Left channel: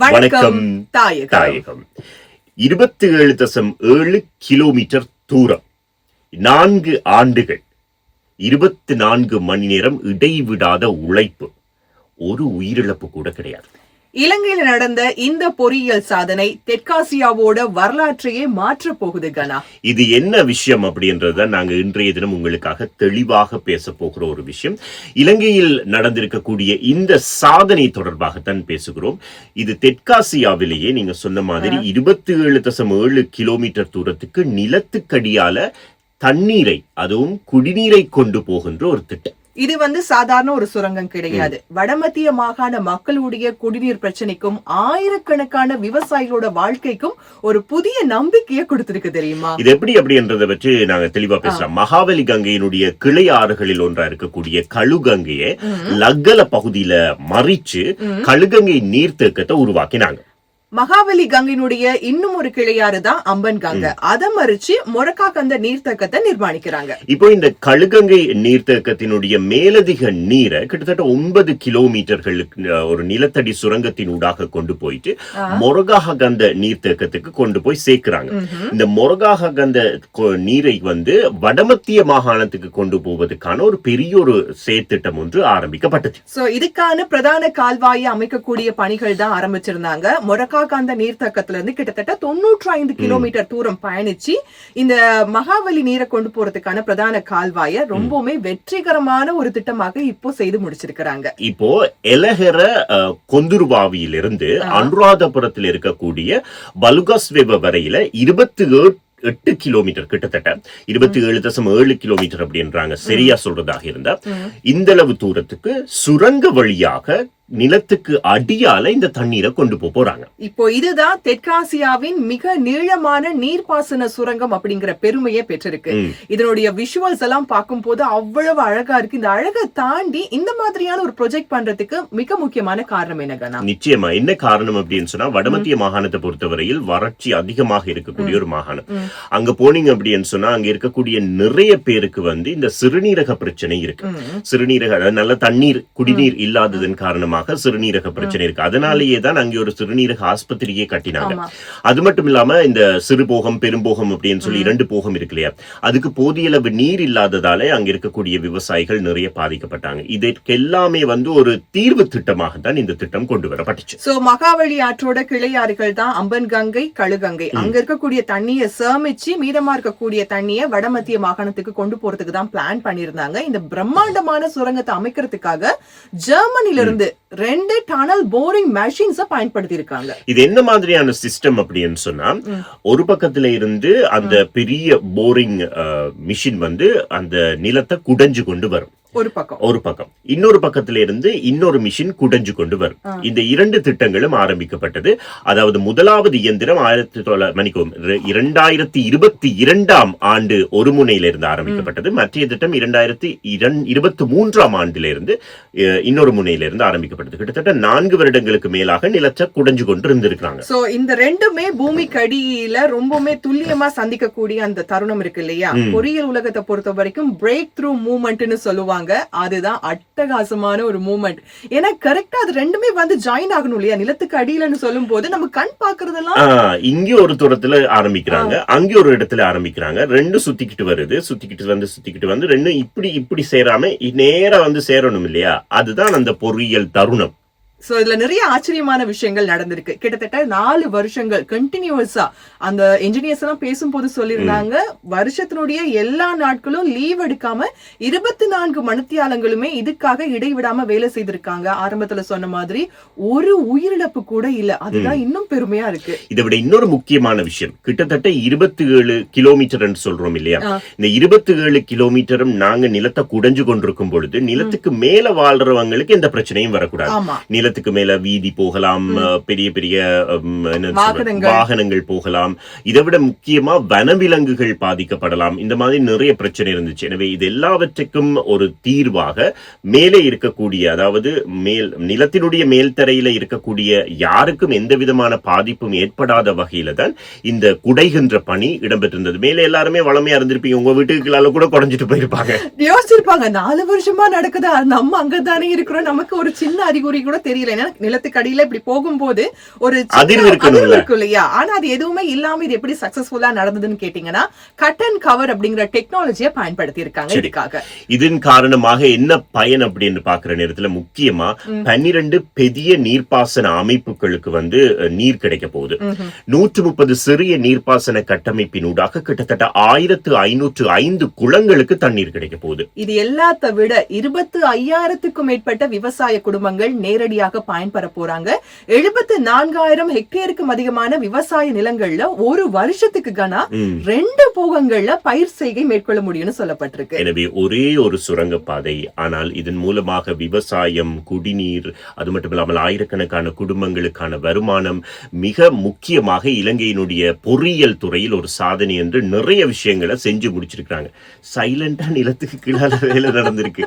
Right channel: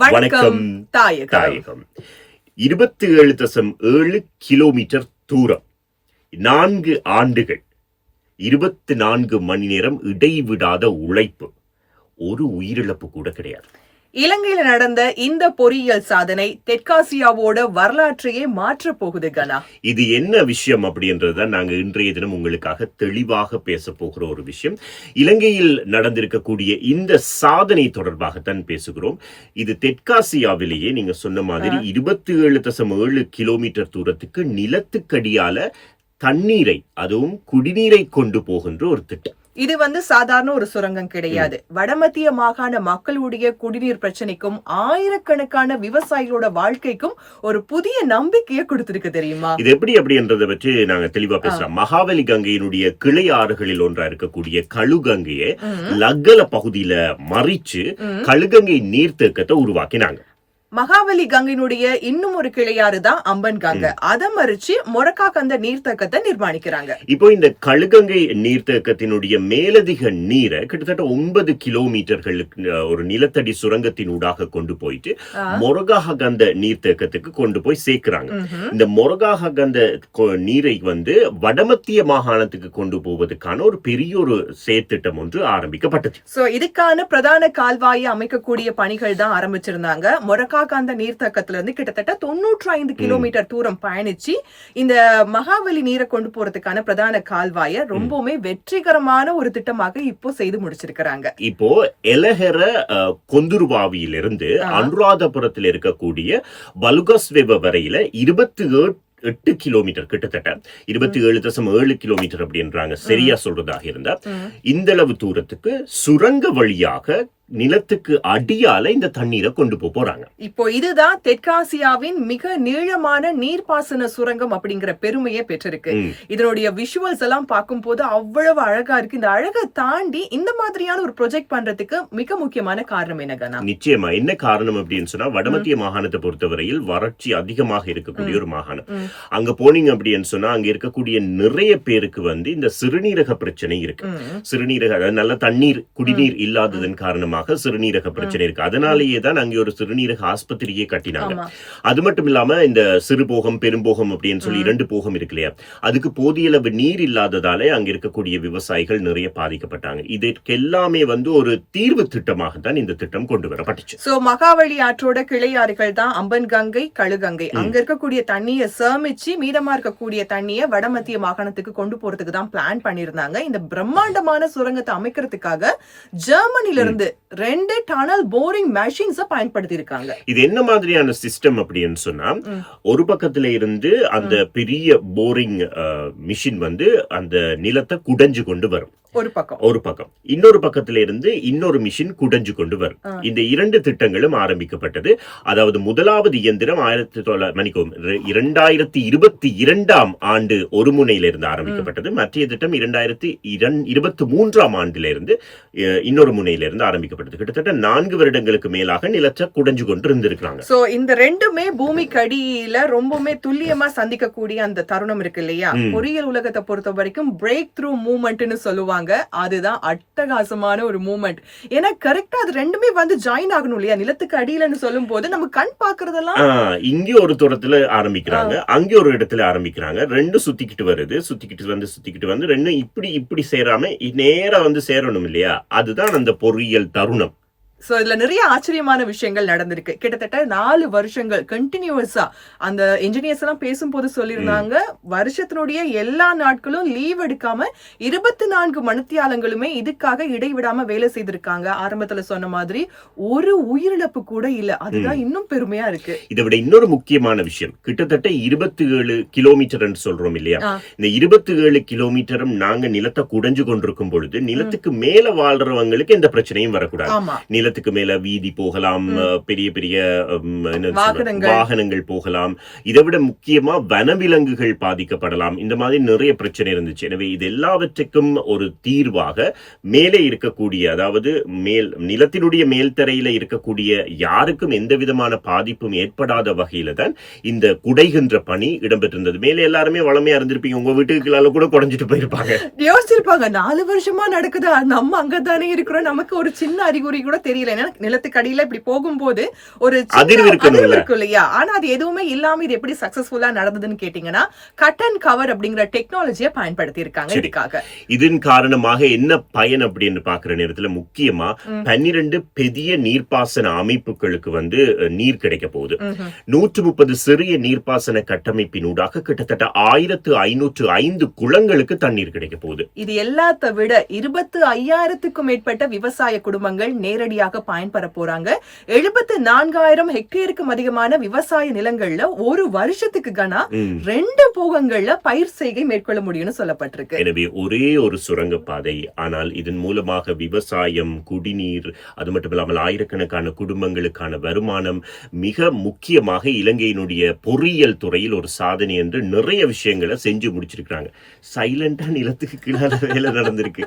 வணக்கம் தாயகம். 27.7 கிலோமீட்டர் தூரம், 4 ஆண்டுகள், 24 மணி நேரம் இடைவிடாத உழைப்பு, ஒரு உயிரிழப்பு கூட கிடையாது. இலங்கையில நடந்த இந்த பொறியியல் சாதனை தெற்காசியாவோட வரலாற்றையே மாற்ற போகுது கனா. இது என்ன விஷயம் அப்படின்றத நாங்க இன்றைய தினம் உங்களுக்காக தெளிவாக பேச போகிற ஒரு விஷயம். இலங்கையில் நடந்திருக்கக்கூடிய இந்த சாதனை தொடர்பாகத்தான் பேசுகிறோம். இது தெற்காசியாவிலேயே நீங்க சொன்ன மாதிரி 27.7 கிலோமீட்டர் தூரத்துக்கு நிலத்துக்கடியால தண்ணீரை, அதுவும் குடிநீரை கொண்டு போகின்ற ஒரு திட்டம். இது சாதாரண ஒரு சுரங்கம் கிடையாது. வடமத்திய மாகாண மக்களுடைய குடிநீர் பிரச்சனைக்கும் ஆயிரக்கணக்கான விவசாயிகளோட வாழ்க்கைக்கும் ஒரு புதிய நம்பிக்கையை கொடுத்திருக்கு தெரியுமா? இது எப்படி அப்படின்றத பற்றி நாங்க தெளிவா பேசலாம். மகாவலி கங்கையினுடைய கிளை ஆறுகளில் ஒன்றா இருக்கக்கூடிய கழுகங்கையை லக்கல பகுதியில மறிச்சு கழுகங்கை நீர்த்தேக்கத்தை உருவாக்கினாங்க. மகாவலி கங்கையினுடைய இன்னும் ஒரு கிளையாறு தான் அம்பன் கங்கை. அதை மறிச்சு மொரக்காக்கந்த நீர்த்தேக்கத்தை நிர்மாணிக்கிறாங்க. இப்போ இந்த கழுகங்கை நீர்த்தேக்கத்தினுடைய மேலதிக நீரை கிட்டத்தட்ட 9 கிலோமீட்டர்களுக்கு ஒரு நிலத்தடி சுரங்கத்தின் ஊடாக கொண்டு போயிட்டு மொரகாகந்த நீர்த்தேக்கத்துக்கு கொண்டு போய் சேர்க்கிறாங்க. இந்த மொரகாகந்த நீரை வடமத்திய மாகாணத்துக்கு கொண்டு போவதற்கான ஒரு பெரிய ஒரு செயற்திட்டம் ஒன்று ஆரம்பிக்கப்பட்டது. சோ இதுக்கான பிரதான கால்வாயை அமைக்கக்கூடிய பணிகள் தான் ஆரம்பிச்சிருந்தாங்க. மொரக்காகந்த நீர்த்தேக்கத்துல இருந்து கிட்டத்தட்ட 95 கிலோமீட்டர் தூரம் பயணிச்சு இந்த மகாவலி நீரை கொண்டு போறதுக்கான பிரதான கால்வாயை ரொம்பவுமே வெற்றிகரமான ஒரு திட்டமாக இப்போ செய்து முடிச்சிருக்கிறாங்க. இப்போ எலஹெர கொந்துருவாவியிலிருந்து அனுராதபுரத்தில் இருக்கக்கூடிய பலுகாஸ்வேவ வரையில 28 கிலோமீட்டர், கிட்டத்தட்ட 27.7 கிலோமீட்டர் அப்படின்றாங்க சரியா சொல்றதாக இருந்தா. இந்த அளவு தூரத்துக்கு சுரங்க வழியாக நிலத்துக்கு அடியால இந்த தண்ணீரை கொண்டு போறாங்க. இப்போ இதுதான் தெற்காசியாவின் மிக நீளமான நீர்ப்பாசன சுரங்கம் அப்படிங்கிற பெருமையை பெற்றிருக்கு. இதனுடைய விஷுவல்ஸ் எல்லாம் பார்க்கும் போது அவ்வளவு அழகா இருக்கு. இந்த அழகை தாண்டி இந்த மாதிரியான ஒரு ப்ராஜெக்ட் பண்றதுக்கு மிக முக்கியமான காரணம் என்ன? நிச்சயமா என்ன காரணம் அப்படின்னு சொன்னா, வடமத்திய மாகாணத்தை பொறுத்தவரையில் வறட்சி அதிகமாக இருக்கக்கூடிய ஒரு மாகாணம். அங்க போனீங்க அப்படின்னு சொன்னா அங்க இருக்கக்கூடிய நிறைய பேருக்கு இந்த சிறுநீரக பிரச்சனை இருக்கு. சிறுநீரக நல்ல தண்ணீர் குடிநீர் இல்லாததன் காரணமாக சிறுநீரக பிரச்சனை இருக்கு. அதனாலேயே தான் அங்கே ஒரு சிறுநீரக ஆஸ்பத்திரியே கட்டினாங்க. அது மட்டும் இல்லாம இந்த சிறுபோகம் பெரும்போகம் அப்படின்னு சொல்லி 2 போகம் இருக்கு இல்லையா, அதுக்கு போதிய அளவு நீர் இல்லாததாலே அங்க இருக்கக்கூடிய விவசாயிகள் நிறைய பாதிக்கப்பட்டாங்க. இதற்கு எல்லாமே ஒரு தீர்வு திட்டமாக தான் இந்த திட்டம் கொண்டு வரப்பட்டுச்சு. சோ மகாவலி ஆற்றோட கிளையாறுகள் தான் அம்பன் கங்கை, கழுகங்கை. அங்க இருக்கக்கூடிய தண்ணியை சேமிச்சு மீதமா இருக்கக்கூடிய தண்ணியை வடமத்திய மாகாணத்துக்கு கொண்டு போறதுக்கு தான் பிளான் பண்ணிருந்தாங்க. இந்த பிரம்மாண்டமான சுரங்கத்தை அமைக்கிறதுக்காக ஜெர்மனில இருந்து 2 டனல் போரிங் மெஷின்ஸ் பயன்படுத்தி இருக்காங்க. இது என்ன மாதிரியான சிஸ்டம் அப்படின்னு சொன்னா, ஒரு பக்கத்துல இருந்து அந்த பெரிய போரிங் மிஷின் அந்த நிலத்தை குடைஞ்சு கொண்டு வரும். ஒரு பக்கம் இன்னொரு பக்கத்துல இருந்து இன்னொரு மிஷின் குடைஞ்சு கொண்டு வரும். இந்த 2 திட்டங்களும் ஆரம்பிக்கப்பட்டது. அதாவது முதலாவது இயந்திரம் 2022 ஆண்டு ஒரு முனையில இருந்து ஆரம்பிக்கப்பட்டது. மற்ற திட்டம் 2023 ஆண்டில இருந்து இன்னொரு முனையில இருந்து ஆரம்பிக்கப்பட்டது. கிட்டத்தட்ட 4 வருடங்களுக்கு மேலாக நிலத்தை குடைஞ்சு கொண்டு இருந்திருக்காங்க. சோ இந்த ரெண்டுமே பூமிக்கு அடியில ரொம்பவுமே துல்லியமா சந்திக்கக்கூடிய அந்த தருணம் இருக்கு இல்லையா? பொறியியல் உலகத்தை பொறுத்த வரைக்கும் பிரேக் த்ரூ மூவ்மெண்ட்னு சொல்லுவாங்க. அதுதான் அட்டகாசமான ஒரு மூவ்மெண்ட். ஏன்னா கரெக்டா அது ரெண்டுமே ஜாயின் ஆகணும் இல்லையா? நிலத்துக்கு அடியிலன்னு சொல்லும் போது நம்ம கண் பாக்குறதெல்லாம் இங்க ஒரு தூரத்துல ஆரம்பிக்கிறாங்க, அங்க ஒரு இடத்துல ஆரம்பிக்கிறாங்க. 2 சுத்திக்கிட்டு வருது, சுத்திக்கிட்டு வந்து 2 இப்படி சேராம நேரா சேரணும் இல்லையா? அதுதான் அந்த பொறியியல் தருணம். சோ இதுல நிறைய ஆச்சரியமான விஷயங்கள் நடந்திருக்கு. கிட்டத்தட்ட 4 வருஷங்கள் கண்டினியூஸா அந்த என்ஜினியர்ஸ் எல்லாம் பேசும்போது சொல்லியிருந்தாங்க, வருஷத்தினுடைய எல்லா நாட்களும் லீவ் எடுக்காம 24 மணித்தியாலங்களுமே இதுக்காக இடைவிடாம வேலை செய்திருக்காங்க. ஆரம்பத்துல சொன்ன மாதிரி ஒரு உயிரிழப்பு கூட இல்ல. அதுதான் இன்னும் பெருமையா இருக்கு. இதை விட இன்னொரு முக்கியமான விஷயம், கிட்டத்தட்ட 27 கிலோமீட்டர் என்று சொல்றோம் இல்லையா? இந்த 27 கிலோமீட்டரும் நாங்க நிலத்தை குடைஞ்சு கொண்டிருக்கும் பொழுது நிலத்துக்கு மேல வாழ்றவங்களுக்கு எந்த பிரச்சனையும் வரக்கூடாது. நிலத்துக்கு மேல வீதி போகலாம், பெரிய பெரிய வாகனங்கள் போகலாம். இதை விட முக்கியமா வனவிலங்குகள் பாதிக்கப்படலாம். இந்த மாதிரி நிறைய பிரச்சனை இருந்துச்சு. எனவே இது எல்லாவற்றுக்கும் ஒரு தீர்வாக மேலே இருக்கக்கூடிய, அதாவது நிலத்தினுடைய மேல்தரையில இருக்கக்கூடிய யாருக்கும் எந்த விதமான பாதிப்பும் ஏற்படாத வகையில தான் இந்த குடைகின்ற பணி இடம்பெற்றிருந்தது. மேலே எல்லாருமே வளமையா இருந்திருப்பீங்க, உங்க வீட்டுக்குள்ளால கூட குறைஞ்சிட்டு போயிருப்பாங்க, யோசிச்சிருப்பாங்க 4 வருஷமா நடக்குதா, நம்ம அங்கதானே இருக்கிறோம், நமக்கு ஒரு சின்ன அறிகுறி கூட தெரியல. ஏன்னா நிலத்துக்கு அடியில இப்படி போகும்போது ஒரு அதிர்வு இருக்கணும்ல. இருக்கும் இல்லையா? ஆனா அது எதுவுமே இல்லாம இது எப்படி சக்சஸ்ஃபுல்லா நடந்ததுன்னு கேட்டீங்கன்னா கட் அண்ட் கவர் அப்படிங்கிற டெக்னாலஜியை பயன்படுத்தி இருக்காங்க இதுக்காக. இதன் காரணமாக என்ன பயன் அப்படின்னு பாக்குற நேரத்துல முக்கியமா 12 பெரிய நீர்ப்பாசன அமைப்புகளுக்கு வந்து நீர் கிடைக்க போகுது. 130 சிறிய நீர்ப்பாசன கட்டமைப்பினூடாக கிட்டத்தட்ட 1505 குளங்களுக்கு தண்ணீர் கிடைக்க போகுது. இது எல்லாத்த விட 25,000க்கும் மேற்பட்ட விவசாய குடும்பங்கள் நேரடியாக பயன்பெற போறாங்க. 74,000 ஹெக்டேருக்கும் அதிகமான விவசாய நிலங்கள்ல ஒரு வருஷத்துக்கு கனா 2 போகங்கள்ல பயிர் செய்கை மேற்கொள்ள முடியும்னு சொல்லப்பட்டிருக்கு. எனவே ஒரே ஒரு சுரங்கப்பாதை, ஆனால் இதன் மூலமாக விவசாயம், குடிநீர், அது மட்டும் இல்லாமல் ஆயிரக்கணக்கான குடும்பங்களுக்கான வருமானம், மிக முக்கியமாக இலங்கையினுடைய பொறியியல் துறையில் ஒரு சாதனை என்று நிறைய விஷயங்களை செஞ்சு முடிச்சிருக்காங்க. சைலண்டா நிலத்துக்கு கீழால வேலை நடந்திருக்கு,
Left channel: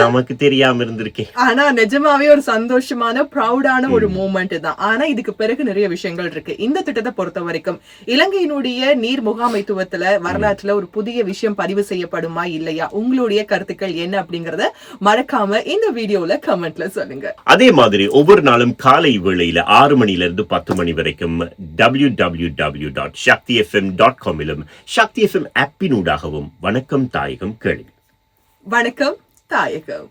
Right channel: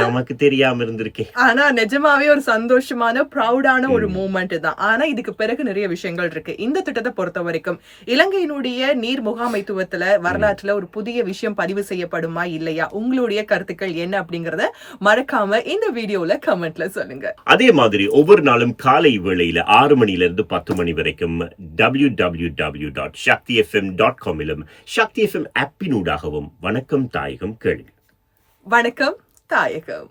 நமக்கு தெரியாம இருந்திருக்கேன். ஆனா நிஜமாவே ஒரு சந்தோஷமான ப்ரௌடான ஒரு மூமெண்ட் தான். ஆனா இதுக்கு பிறகு நிறைய விஷயங்கள் இருக்கு. இந்த திட்டத்தை பொறுத்த வரைக்கும் இலங்கையினுடைய நீர் முகாமைத்துவத்துல வரலாற்றுல ஒரு புதிய விஷயம் பதிவு செய்யப்படுமா இல்லையா? உங்களுடைய கருத்துக்கள் என்ன அப்படிங்கறத மறக்காம இந்த வீடியோல கமெண்ட்ல சொல்லுங்க. அதே மாதிரி ஒவ்வொரு நாளும் காலை வேளையில 6 மணியிலிருந்து 10 மணி வரைக்கும் www.shaktifm.com சக்தி FM ஆப்பினூடாகவும் வணக்கம் தாயகம் கேளுங்க. வணக்கம் தாயகம்.